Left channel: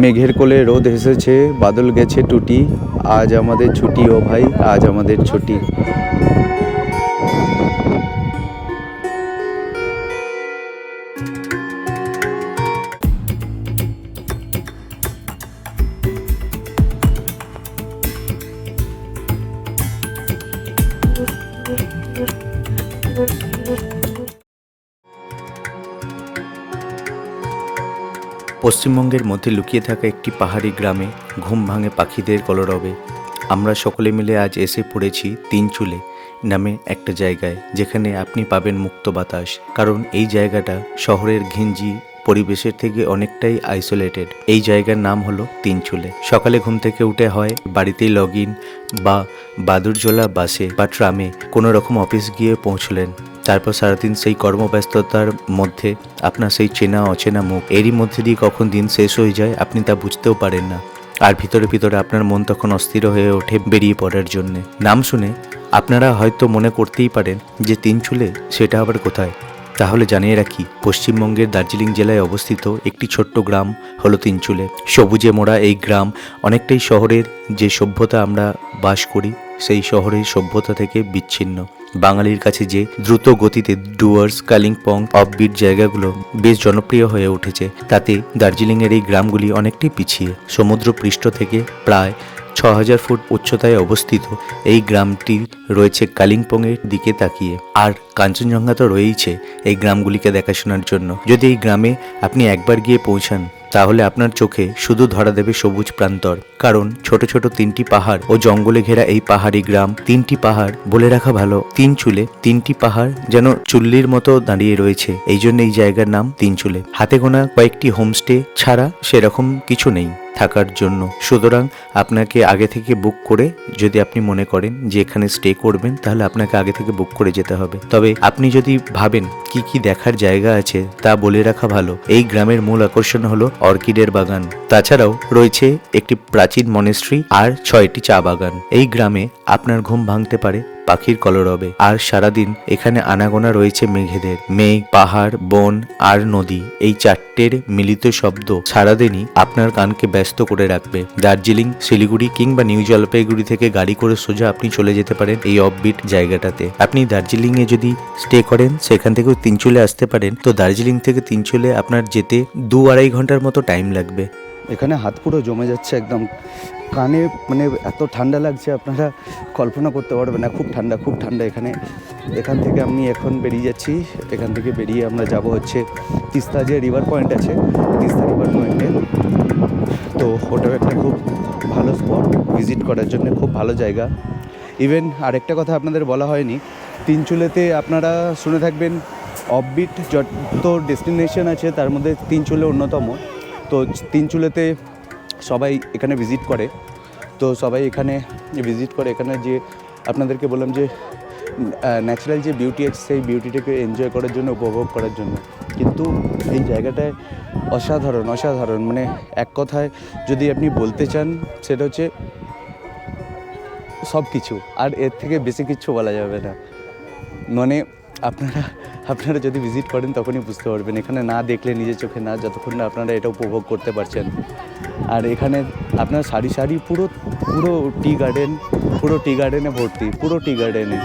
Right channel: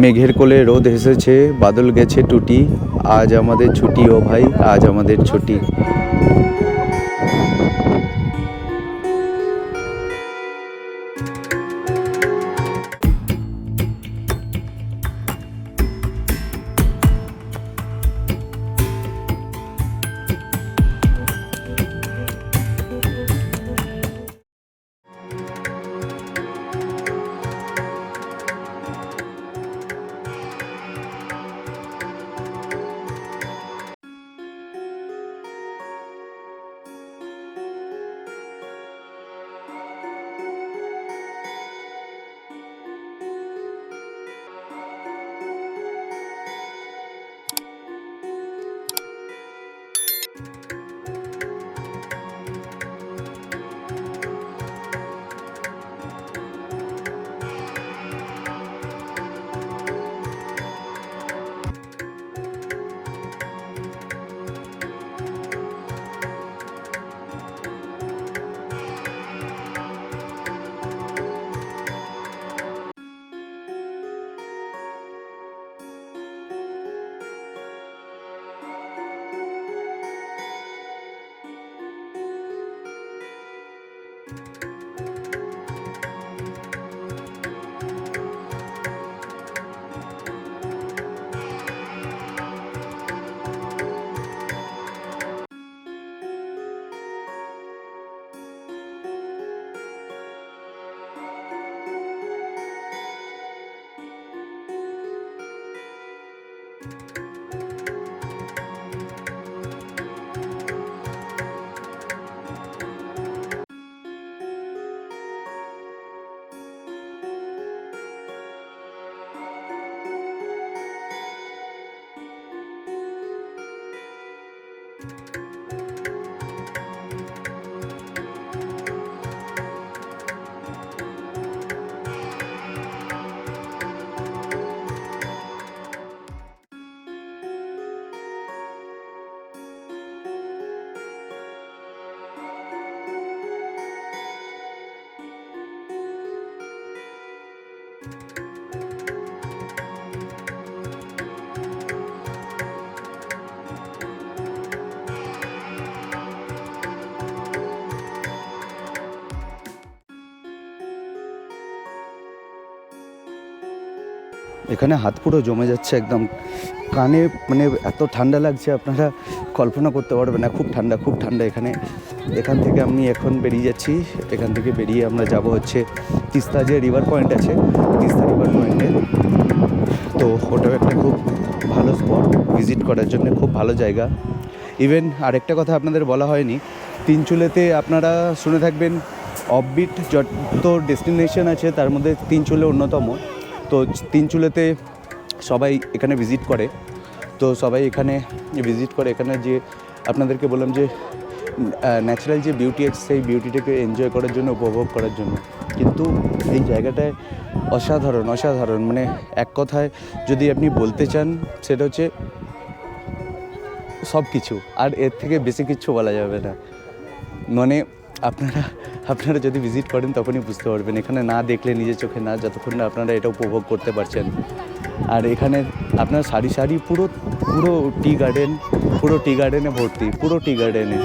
মেঘের কোলে রোদ হেসেছে, বাদল গেছে টুটি, আজ আমাদের ছুটি ও ভাই, আজ আমাদের ছুটি। পশ্চিমবঙ্গের মধ্যে লুকিয়ে থাকা একটি পাহাড়ি গ্রামে ঘুম ভাঙে পাখিদের কলরবে। আমরা সকলে মিলে আজ এসে পড়েছি তিনচুলে নামে একটা জায়গায়, যেখানে আপনি পাবেন মুক্ত বাতাস। কারণ এই জায়গাটা শহরের ঘিঞ্জি পরিবেশের থেকে অনেকটাই আইসোলেটেড। এই জায়গার নাম হলো তিনচুলে। সকালে ঘুম থেকে উঠে হয় বাড়িতেই লগ ইন বা বাদুরঝোলা বাসে বা ট্রামে কোনো রকম অফিস গিয়ে পৌঁছলেন। তারপর সারাদিন সেই কর্মব্যস্ততার মধ্যে আপনার সেই চেনা অচেনা মুখ, এরই মধ্যে দিয়ে কখন দিন শেষ হয়ে যায় আপনি তা বুঝতেও পারেন না। আর ভিতরে ভিতরে আপনার মন তখন অস্থির হয়ে ওঠে বেরিয়ে পড়ার জন্য। নাম শুনে আপনারা হয়তো মনে করতেই পারেন যে তিনচুলে সেটা আবার কোথায়। তাহলে জানিয়ে রাখি, পশ্চিমবঙ্গের দার্জিলিং জেলায় অবস্থিত একটি ছোট্ট গ্রাম হলো তিনচুলে। সবুজে মোড়া এই গ্রাম অনেকটাই শহরের যে সভ্যতা আমরা বাস করি সেই শহরের সভ্যতা থেকে বিচ্ছিন্ন। বাঙালির কাছে যে দ্রুত গতিতে ডুয়ার্স, কালিম্পং, অফবিট জায়গাগুলো বেশ জনপ্রিয় হয়ে উঠেছে, তাতে দার্জিলিংয়ের এই গ্রামগুলি অনেকটাই পিছিয়ে। সমুদ্র পৃষ্ঠ থেকে প্রায় ৬,০০০ ফুট উচ্চতায় অবস্থিত এই গ্রামটি রয়েছে কালিম্পংয়ের দিকে তাকিয়ে। আর কাঞ্চনজঙ্ঘা তো রয়েইছে এই গ্রামগুলিকে দেখাশোনার জন্য। যদি এই গ্রামে আপনি একবার গিয়ে পৌঁছান, তাহলে আপনার চোখে শুধু ধরা দেবে সবুজ প্রান্তর। কারণ ছোট ছোট তিনটি পাহাড় ও জঙ্গলে ঘেরা এই পাহাড়ি গ্রাম, তিনটি পাহাড় বলে রাখা ভালো, তিনচুলে তিনটি পাহাড় যেন চুল্লির মতো দাঁড়িয়ে রয়েছে, এই জন্য এই জায়গার নাম তিনচুলে। হাতে গোনা কয়েকটি হোমস্টে ছাড়া সেরকম কিছু নেই থাকার জন্য। সুতরাং আপনাকে আগে থেকে বুক করে, যদি আপনি মনে করেন যে এখানে স্টে করবেন, তাহলে আপনাকে আগে থেকে বুক করে যেতে হবে। তবে আপনি যদি ভাবেন কি কি দেখার জায়গা আছে তা বলে রাখা ভালো। এই গ্রামের মূল আকর্ষণ হলো অর্কিডের বাগান। তাছাড়াও রয়েছে একটি প্রাচীন মনেস্ট্রি আর ৬টি চা বাগান। এই গ্রামে আপনার ঘুম ভাঙতে পারে পাখির কলরবে। আর সারাদিন এখানে আনাগোনা রয়েছে মেঘেদের। মেঘ, পাহাড়, বন আর নদী, এই চারটের মিলিত শব্দ সারাদিনই আপনার কানকে ব্যস্ত করে রাখবে। দার্জিলিং, শিলিগুড়ি কিংবা নিউ জলপাইগুড়ি থেকে গাড়ি করে সোজা আপনি চলে যেতে পারেন এই অফবিট জায়গাটাতে। আপনি দার্জিলিং এ যদি স্টে করেন, সেখান থেকেও তিনচুলে আসতে পারেন। তো দার্জিলিং থেকে তিনচুলে আপনার যেতে ২-২.৫ ঘন্টার মতো টাইম লাগবে। এখানে হাত পুরো জমে যাচ্ছে একদম কানে, মানে এত ঠান্ডা লাগছে আপনারা কল্পনা করতে পারবেন না। খুব ঠান্ডা, খুব ঠান্ডা এখানে। এখান থেকে আমি এখন বেরিয়ে যাচ্ছি। এখান থেকে বেরিয়ে আমরা যাব হচ্ছে তিস্তা যে রিভার পয়েন্ট আছে, তিস্তা রিভার পয়েন্টে। তো ওটাও একটা খুব ভালো স্পট ভিজিট করার জন্য, খুব ভালো জায়গা। ইভেন আরেকটা কথা আপনাদের বলা হয়নি, তিনচুলেতে আপনারা শুনে থাকবেন অফবিট যত ডেস্টিনেশন আছে তার মধ্যে তিনচুলে অন্যতম। তো তিনচুলেতে সবাই এখানে ভিজিট করে। তো সবাই এখানে ভিজিট করে, এখানে যে আপনাদেরকে বললাম যে ন্যাচারাল যে বিউটি আছে সেই বিউটিটাকে এনজয় করার জন্য, উপভোগ করার জন্য। কিন্তু এই জায়গাটায় অসাধারণ, অসাধারণ, মানে এক কথায় যদি আপনি বলতে চান সেটা হচ্ছে সব কিছু। আর এর থেকে বেশি কিছু বলা যাবে না। মানে আপনারা যদি ভিজিট করেন তখনই বুঝতে পারবেন। এখানে না দেখলে নিজের চোখে না, যতক্ষণ না আপনারা এটা উপভোগ করতে পারছেন। আর এখানে আপনার সারি সারি পুরো পুরো টি গার্ডেন, পুরো টি গার্ডেনে ভর্তি, পুরো টি গার্ডেনে।